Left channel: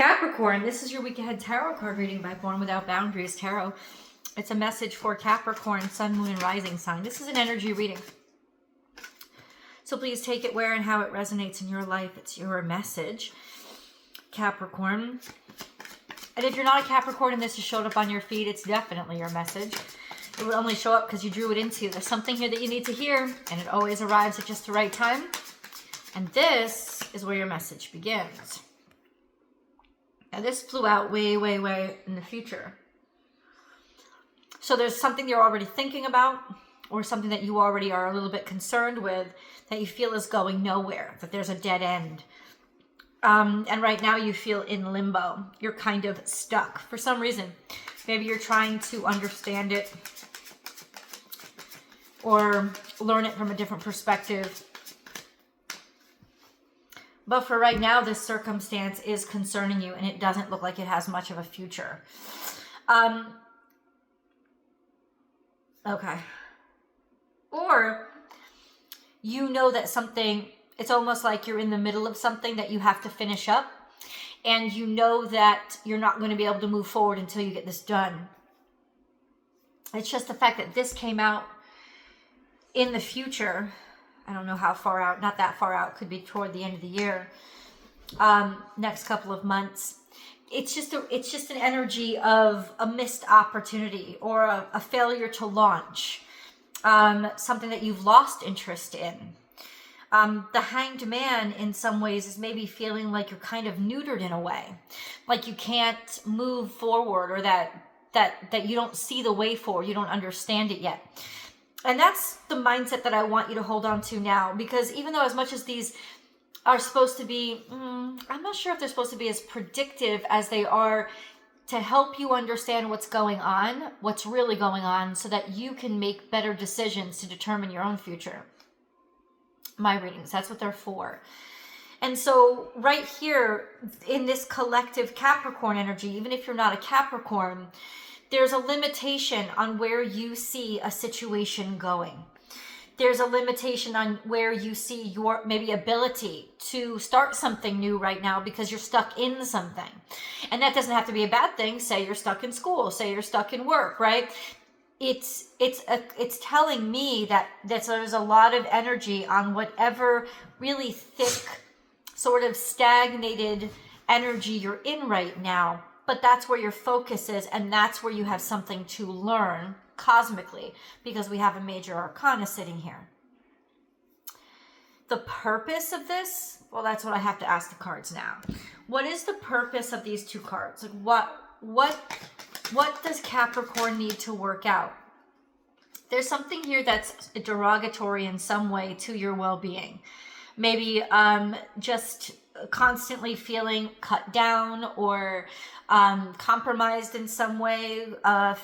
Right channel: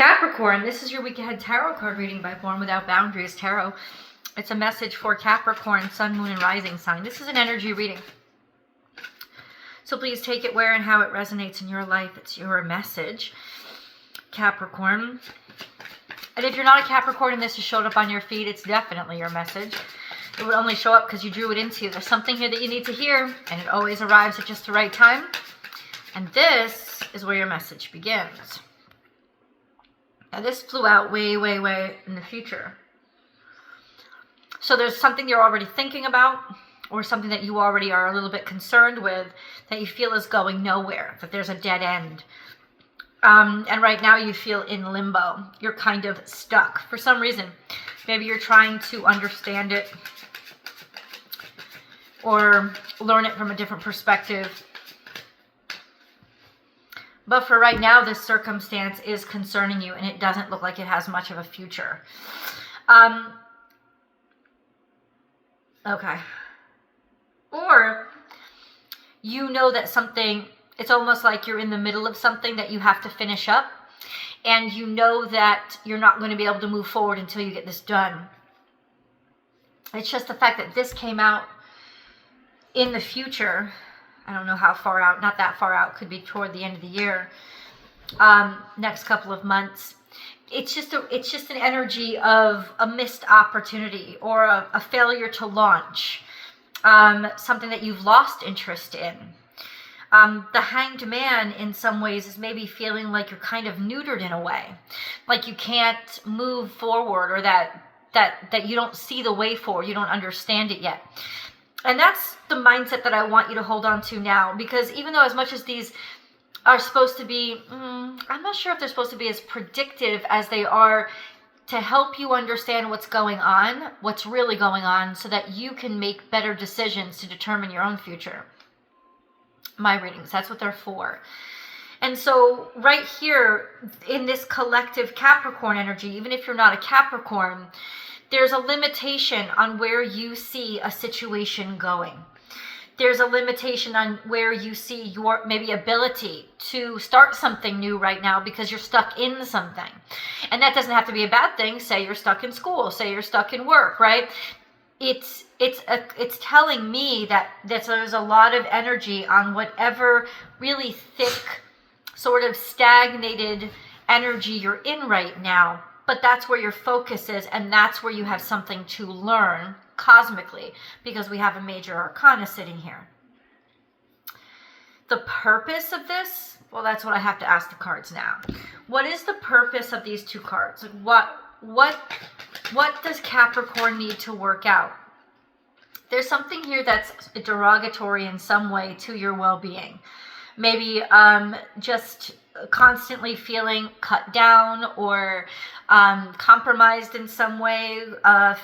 Capricorn, this is your week ahead tarot card reading by Born Without Boundaries Tarot. It's a message for Capricorn, Sun, Moon, and Rising sign. This is an energy reading. So please take it where and how it resonates in your life. It's your message, Capricorn. And if you're not a Capricorn and this has showed up on your feed, it's definitely your message. It would only show up because you drew it into you. There's something here that you need to hear, and it always arrives at just the right time. And this is where your message begins. Now this flew out way, way, way in the future. So there's something you're already thinking about, or something that you already are a little bit concerned with that you feel is going nowhere, that there's a dead end. And right now you feel in limbo. You're kind of stuck for some reason. Maybe you're trying to understand it or learn it from a different perspective. But for right now, this circumstance is concerning you, and it doesn't look like it has much of a future. Okay. Or you know that something, it's almost like you're in the middle of something that you have to finish up, and you know that you're not going to be able to move forward until you get this done. It's just the fact that this came out in the future. I don't know how far out, not that far out, could be toward the end of the year, next couple of months. It's just an energy of a missed opportunity or a failure to launch, something that you've lost interest in. The Hanged Man in some ways is maybe feeling like you're kind of neutered in a way, like you can't move forward, or that you don't see the way forward, you don't understand it yet. And that's the mindset that I want you to hold on to now, because even though as much as these are supposed to be, I'm not sure if they're supposed to be as predictive as they are to help you understand what's going on, what's really going on, so that you can make better decisions to determine your own future. My readings, that's what they're for. And so right here in this collective Capricorn energy, even if you're not a Capricorn, there's a limitation on where you see a situation going. There's a limitation on where you see your maybe ability to start something new right now because you're stuck in something. And that doesn't have to be a bad thing. Say you're stuck in school, say you're stuck in work, right? It's telling me that there's a lot of energy on whatever really thick, sort of stagnated energy you're in right now. But that's where your focus is, and that's where you have something to learn cosmically, because we have a major arcana sitting here. The purpose of this, well, that's what I have to ask the cards now. What is the purpose of these two cards? Like what does Capricorn need to work out? There's something here that's derogatory in some way to your well-being. Maybe just constantly feeling cut down or compromised in some way,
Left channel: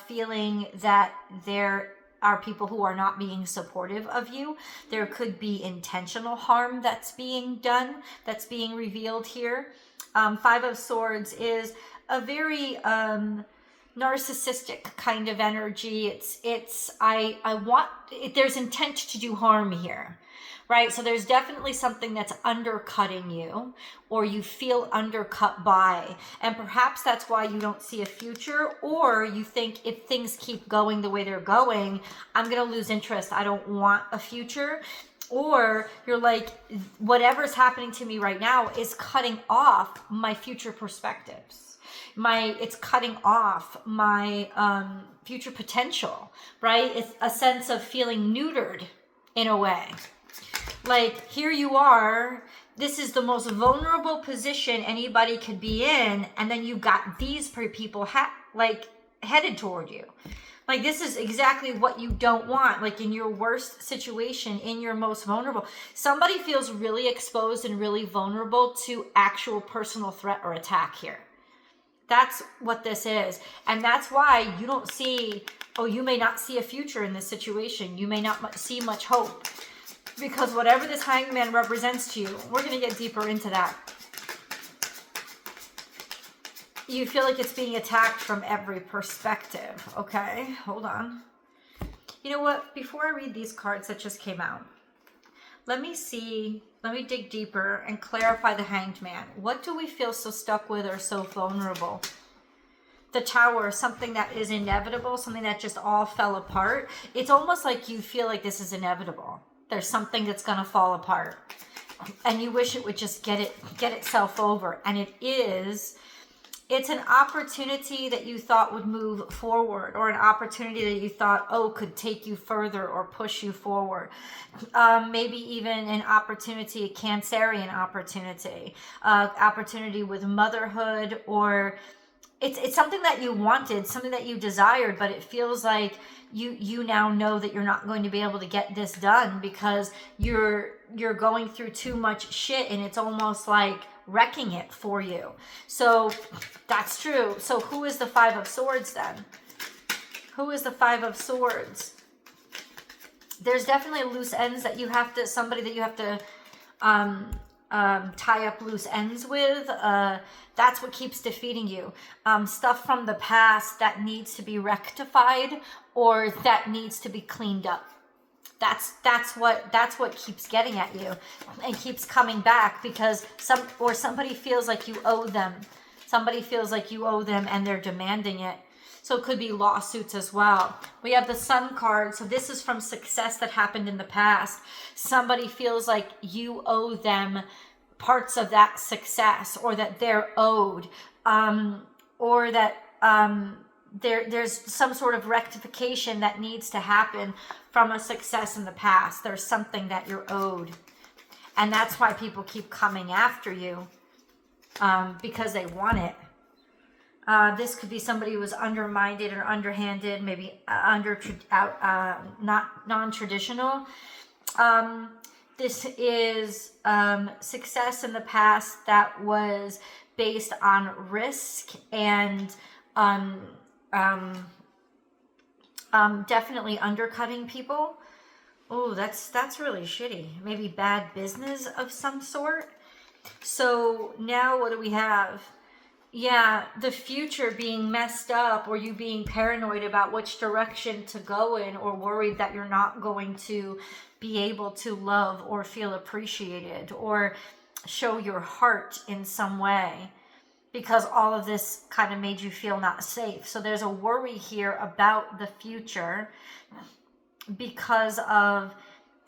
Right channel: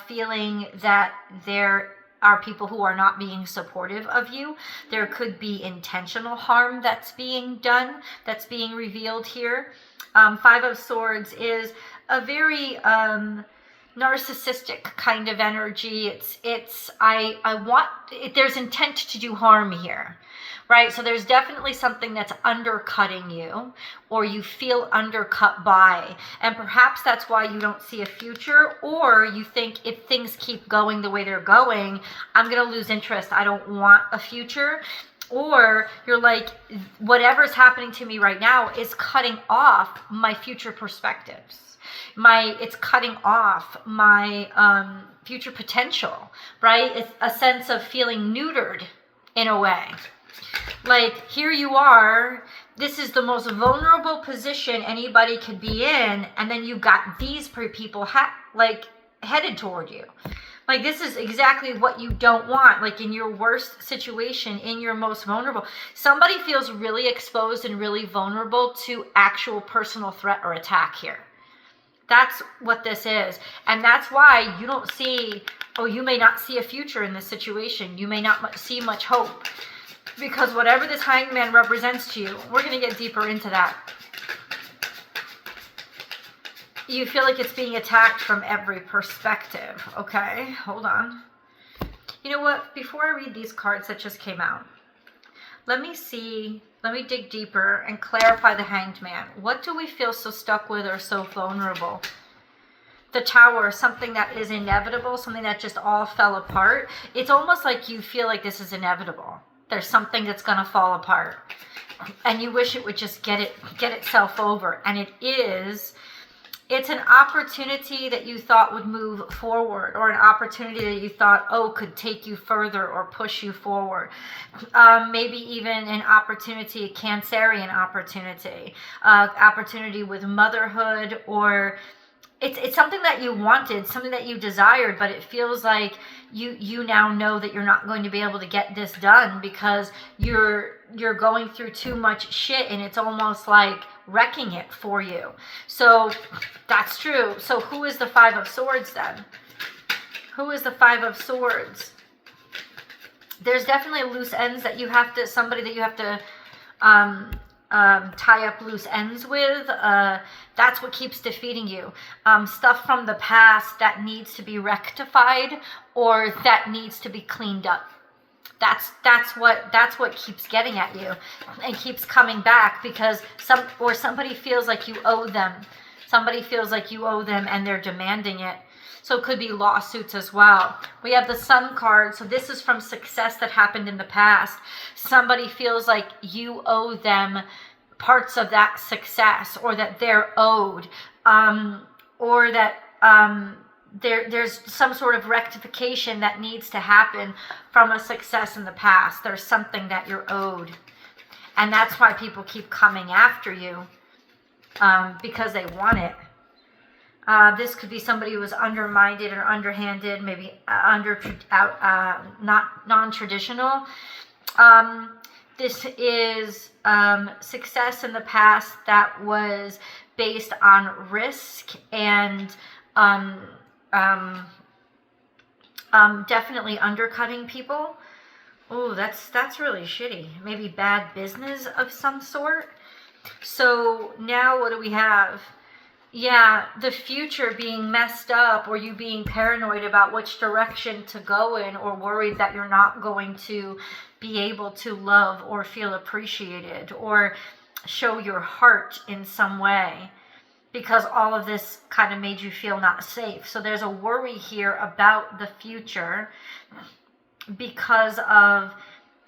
feeling that there are people who are not being supportive of you. There could be intentional harm that's being done, that's being revealed here. Five of Swords is a very narcissistic kind of energy. There's intent to do harm here. Right? So there's definitely something that's undercutting you, or you feel undercut by. And perhaps that's why you don't see a future, or you think if things keep going the way they're going, I'm going to lose interest. I don't want a future. Or you're like, whatever's happening to me right now is cutting off my future perspectives. It's cutting off my future potential, right? It's a sense of feeling neutered in a way. Like, here you are, this is the most vulnerable position anybody could be in, and then you've got these people headed toward you. Like, this is exactly what you don't want. Like, in your worst situation, in your most vulnerable, somebody feels really exposed and really vulnerable to actual personal threat or attack here. That's what this is. And that's why you don't see, you may not see a future in this situation. You may not see much hope. Because whatever this Hanged Man represents to you, we're going to get deeper into that. You feel like it's being attacked from every perspective. Okay, hold on. You know what? Before I read these cards that just came out, let me Let me dig deeper and clarify the Hanged Man. What do we feel so stuck with or so vulnerable? The Tower, something that is inevitable, something that just all fell apart. It's almost like you feel like this is inevitable. There's something that's going to fall apart. And you wish it would just get itself over. And it is. It's an opportunity that you thought would move forward, or an opportunity that you thought, oh, could take you further or push you forward. Maybe even an opportunity, a Cancerian opportunity, opportunity with motherhood, or it's something that you wanted, something that you desired, but it feels like you now know that you're not going to be able to get this done because you're going through too much shit, and it's almost like wrecking it for you. So that's true. So who is the Five of Swords then? Who is the Five of Swords? There's definitely loose ends that you have to, somebody that you have to tie up loose ends with. That's what keeps defeating you. Stuff from the past that needs to be rectified or that needs to be cleaned up. That's what keeps getting at you and keeps coming back, because somebody feels like you owe them. Somebody feels like you owe them and they're demanding it. So it could be lawsuits as well. We have the Sun card. So this is from success that happened in the past. Somebody feels like you owe them parts of that success, or that they're owed, or that there's some sort of rectification that needs to happen from a success in the past. There's something that you're owed. And that's why people keep coming after you, because they want it. This could be somebody who was undermined or underhanded, maybe not non-traditional. This is success in the past that was based on risk and definitely undercutting people. Oh, that's really shitty. Maybe bad business of some sort. So now what do we have? Yeah, the future being messed up, or you being paranoid about which direction to go in, or worried that you're not going to be able to love or feel appreciated or show your heart in some way, because all of this kind of made you feel not safe. So there's a worry here about the future because of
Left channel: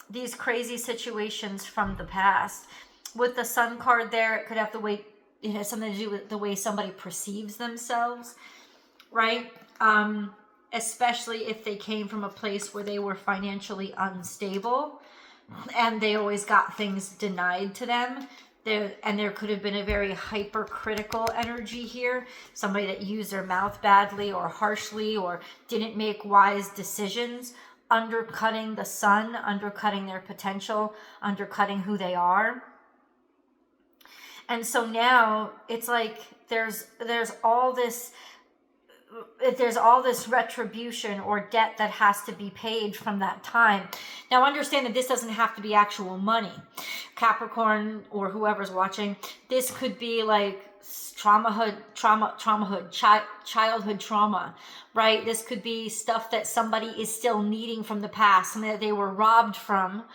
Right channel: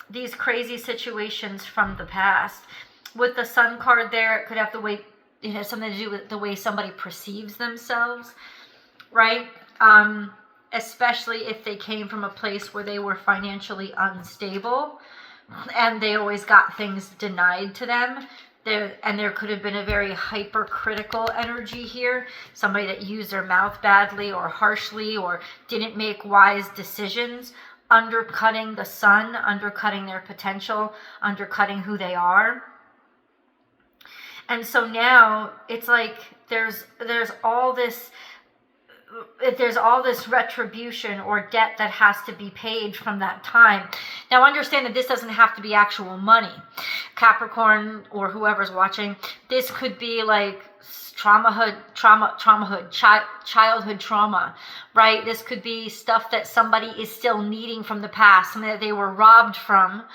these crazy situations from the past. With the Sun card there, it could have the way, it has something to do with the way somebody perceives themselves, right? Especially if they came from a place where they were financially unstable and they always got things denied to them. There could have been a very hypercritical energy here. Somebody that used their mouth badly or harshly or didn't make wise decisions, undercutting the Sun, undercutting their potential, undercutting who they are. And so now it's like there's all this retribution or debt that has to be paid from that time. Now understand that this doesn't have to be actual money. Capricorn or whoever's watching, this could be like childhood trauma, right? This could be stuff that somebody is still needing from the past, something that they were robbed from.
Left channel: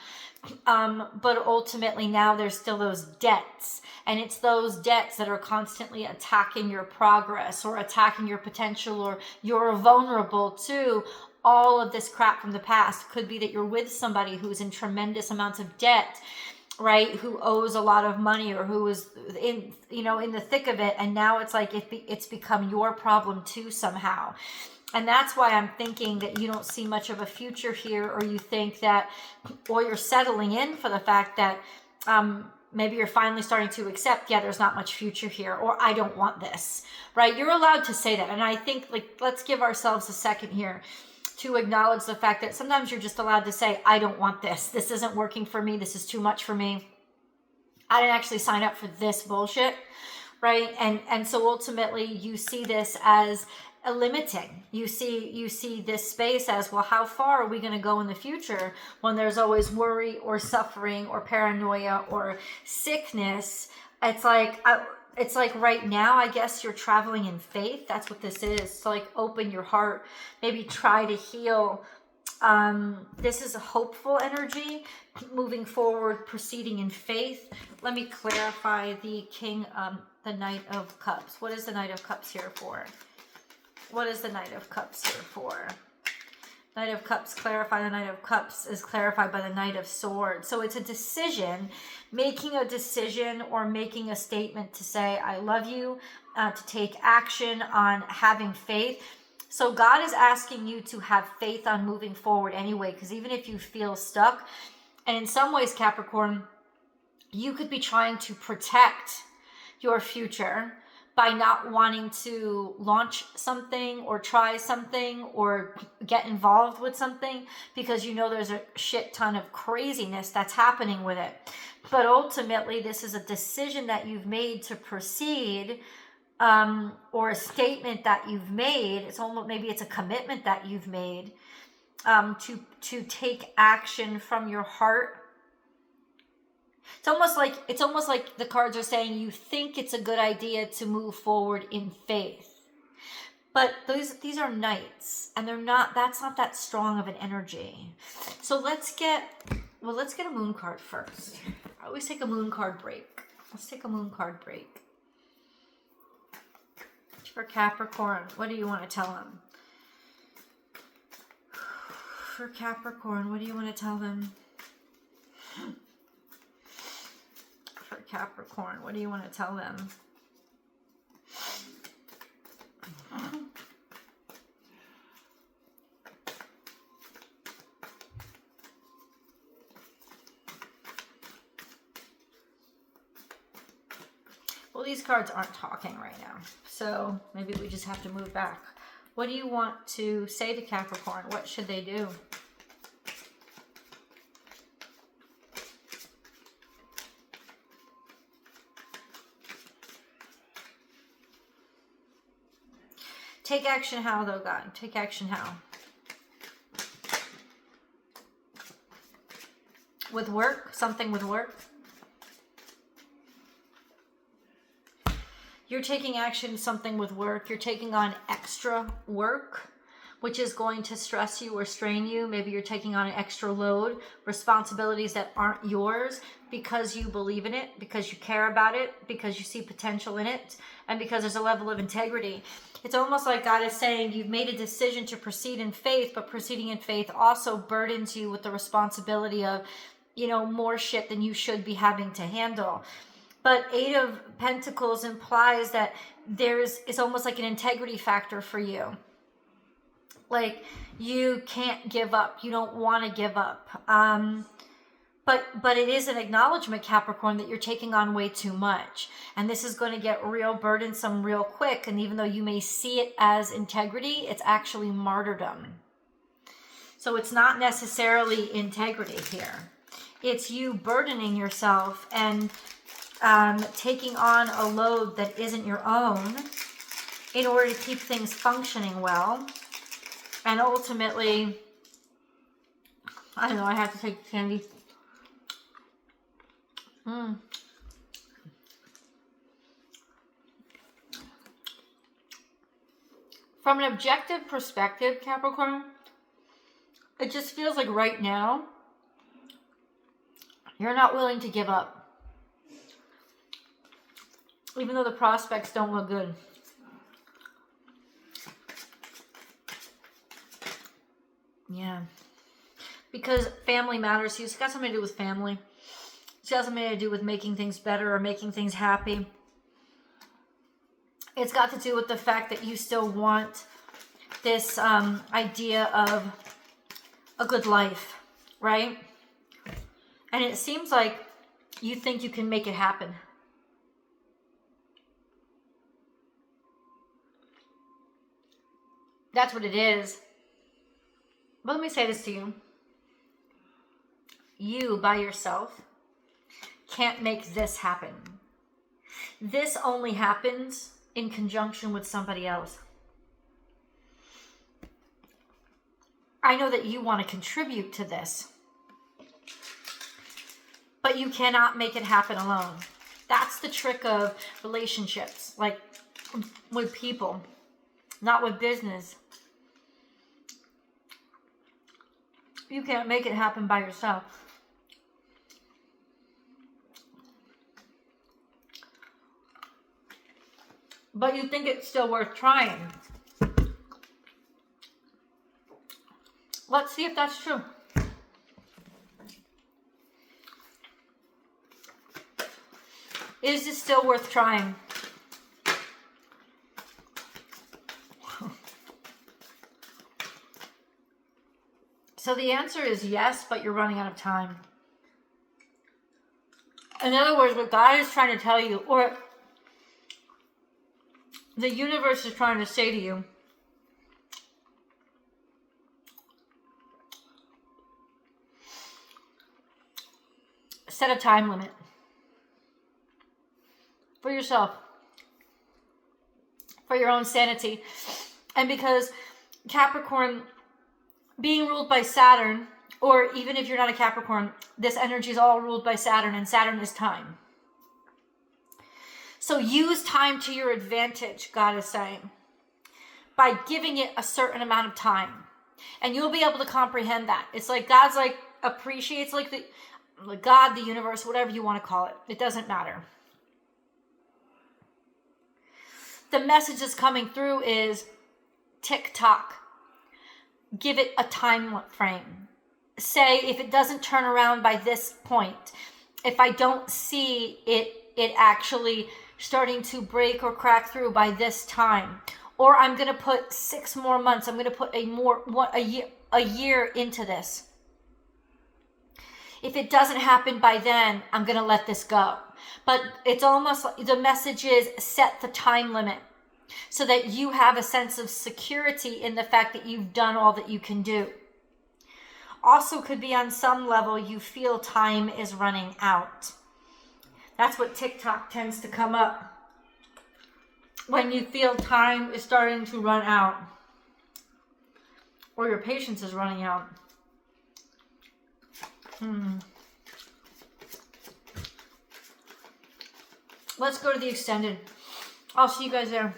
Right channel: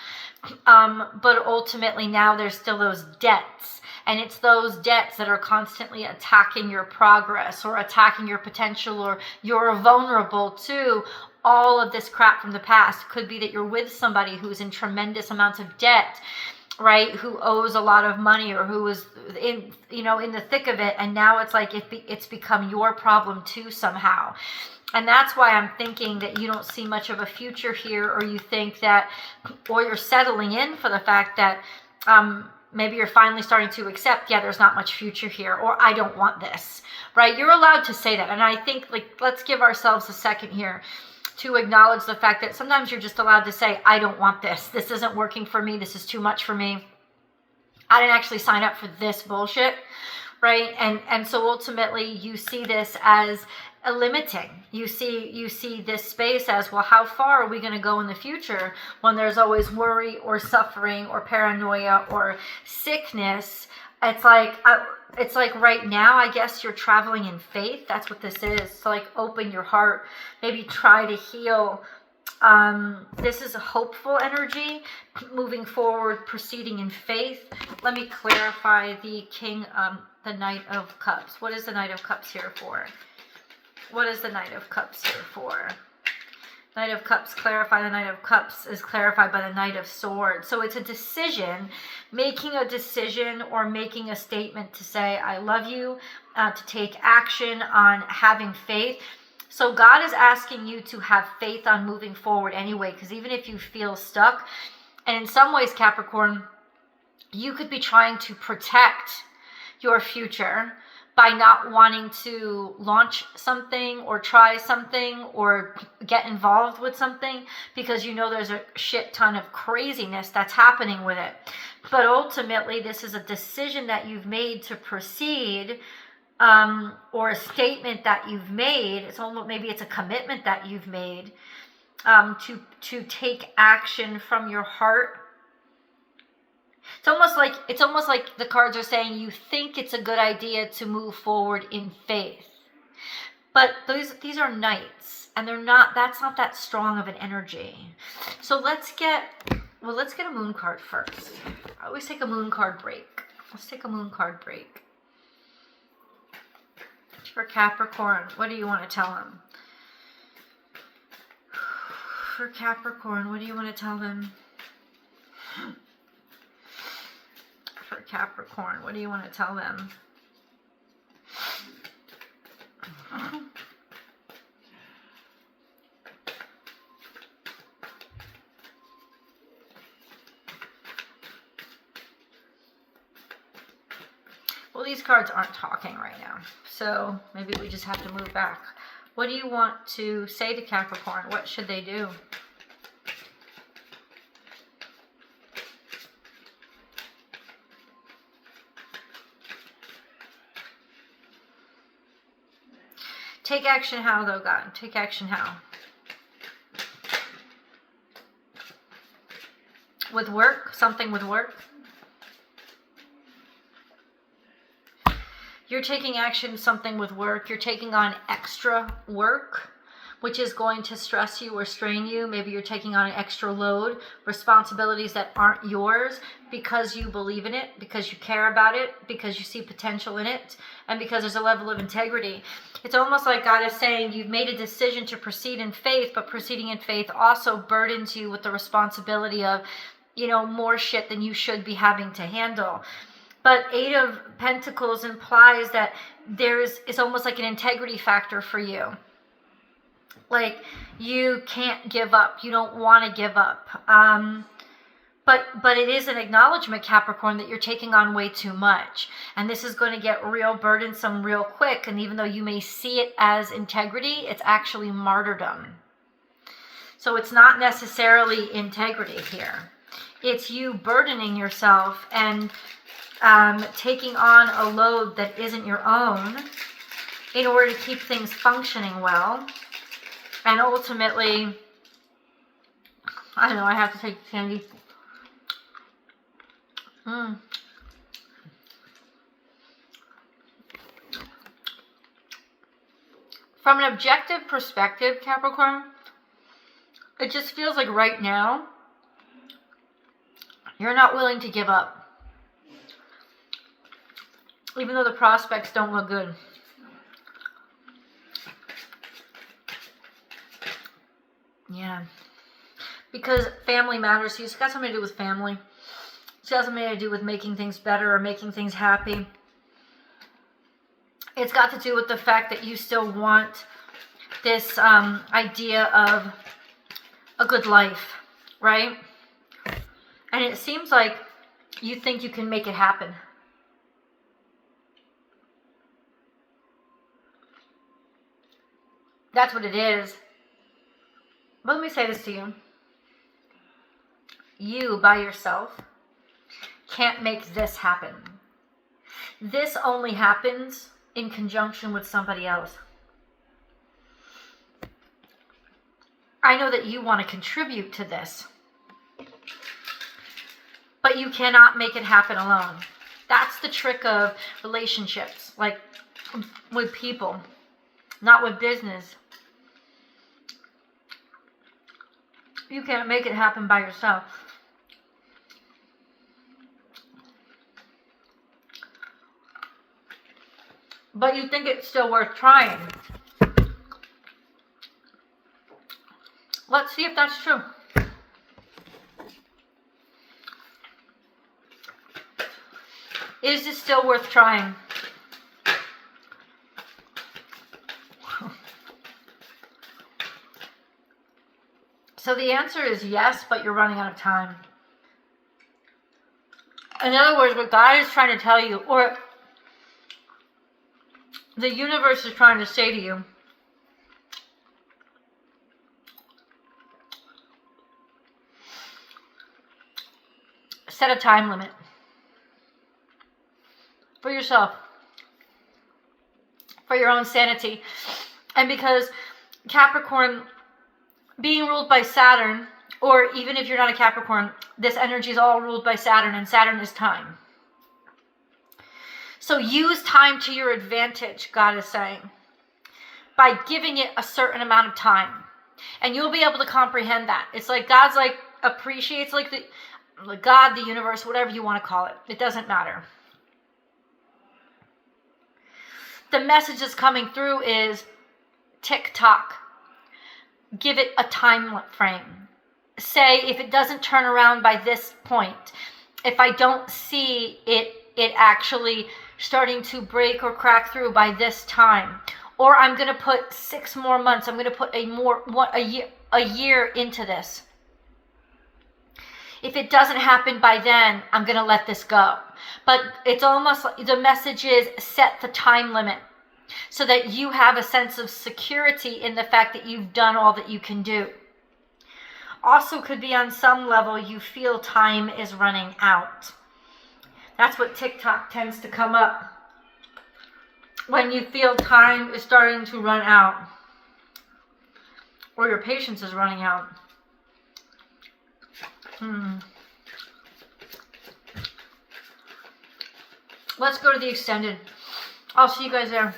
But ultimately now there's still those debts. And it's those debts that are constantly attacking your progress or attacking your potential, or you're vulnerable to all of this crap from the past. Could be that you're with somebody who's in tremendous amounts of debt, right? Who owes a lot of money, or who is in the thick of it. And now it's like it's become your problem too somehow. And that's why I'm thinking that you don't see much of a future here, or you think that, or you're settling in for the fact that, maybe you're finally starting to accept, yeah, there's not much future here, or I don't want this, right? You're allowed to say that. And I think, like, let's give ourselves a second here to acknowledge the fact that sometimes you're just allowed to say, I don't want this. This isn't working for me. This is too much for me. I didn't actually sign up for this bullshit, right? And so ultimately you see this as a limiting. You see this space as, well, how far are we going to go in the future when there's always worry or suffering or paranoia or sickness? It's like right now, I guess you're traveling in faith. That's what this is. So like open your heart, maybe try to heal This is a hopeful energy, moving forward, proceeding in faith. Let me clarify the the Knight of Cups. What is the Knight of Cups here for? What is the Knight of Cups here for? Knight of Cups, clarify. The Knight of Cups is clarified by the Knight of Swords. So it's a decision, making a decision or making a statement to say, I love you, to take action on having faith. So God is asking you to have faith on moving forward anyway, because even if you feel stuck, and in some ways, Capricorn, you could be trying to protect your future by not wanting to launch something or try something or get involved with something because you know there's a shit ton of craziness that's happening with it. But ultimately, this is a decision that you've made to proceed, or a statement that you've made. It's almost, maybe it's a commitment that you've made, to take action from your heart. It's almost like the cards are saying you think it's a good idea to move forward in faith. But these are knights, and that's not that strong of an energy. So let's get a moon card first. I always take a moon card break. Let's take a moon card break. For Capricorn, what do you want to tell him? For Capricorn, what do you want to tell them? For Capricorn, what do you want to tell them? Well, these cards aren't talking right now, so maybe we just have to move back. What do you want to say to Capricorn? What should they do? Take action how, though, God? Take action how? With work? Something with work? You're taking action, something with work. You're taking on extra work, which is going to stress you or strain you. Maybe you're taking on an extra load, responsibilities that aren't yours because you believe in it, because you care about it, because you see potential in it, and because there's a level of integrity. It's almost like God is saying you've made a decision to proceed in faith, but proceeding in faith also burdens you with the responsibility of, more shit than you should be having to handle. But Eight of Pentacles implies that it's almost like an integrity factor for you. Like, you can't give up. You don't want to give up. But it is an acknowledgement, Capricorn, that you're taking on way too much. And this is going to get real burdensome real quick. And even though you may see it as integrity, it's actually martyrdom. So it's not necessarily integrity here. It's you burdening yourself and taking on a load that isn't your own in order to keep things functioning well. And ultimately, I don't know, I have to take candy. From an objective perspective, Capricorn, it just feels like right now, you're not willing to give up. Even though the prospects don't look good. Yeah. Because family matters to you. It's got something to do with family. It's got something to do with making things better or making things happy. It's got to do with the fact that you still want this idea of a good life, right? And it seems like you think you can make it happen. That's what it is. But let me say this to you. You, by yourself, can't make this happen. This only happens in conjunction with somebody else. I know that you want to contribute to this, but you cannot make it happen alone. That's the trick of relationships, like with people, not with business. You can't make it happen by yourself. But you think it's still worth trying. Let's see if that's true. Is it still worth trying? So the answer is yes, but you're running out of time. In other words, what God is trying to tell you, or the universe is trying to say to you, set a time limit for yourself, for your own sanity. And because Capricorn, being ruled by Saturn, or even if you're not a Capricorn, this energy is all ruled by Saturn, and Saturn is time. So use time to your advantage, God is saying, by giving it a certain amount of time. And you'll be able to comprehend that. It's like God's like appreciates like the God, the universe, whatever you want to call it. It doesn't matter. The message that's coming through is tick-tock. Give it a time frame. Say if it doesn't turn around by this point, if I don't see it actually starting to break or crack through by this time, or I'm going to put 6 more months, I'm going to put a year into this. If it doesn't happen by then, I'm going to let this go. But it's almost like the message is set the time limit so that you have a sense of security in the fact that you've done all that you can do. Also could be on some level you feel time is running out. That's what TikTok tends to come up. When you feel time is starting to run out. Or your patience is running out. Let's go to the extended. I'll see you guys there.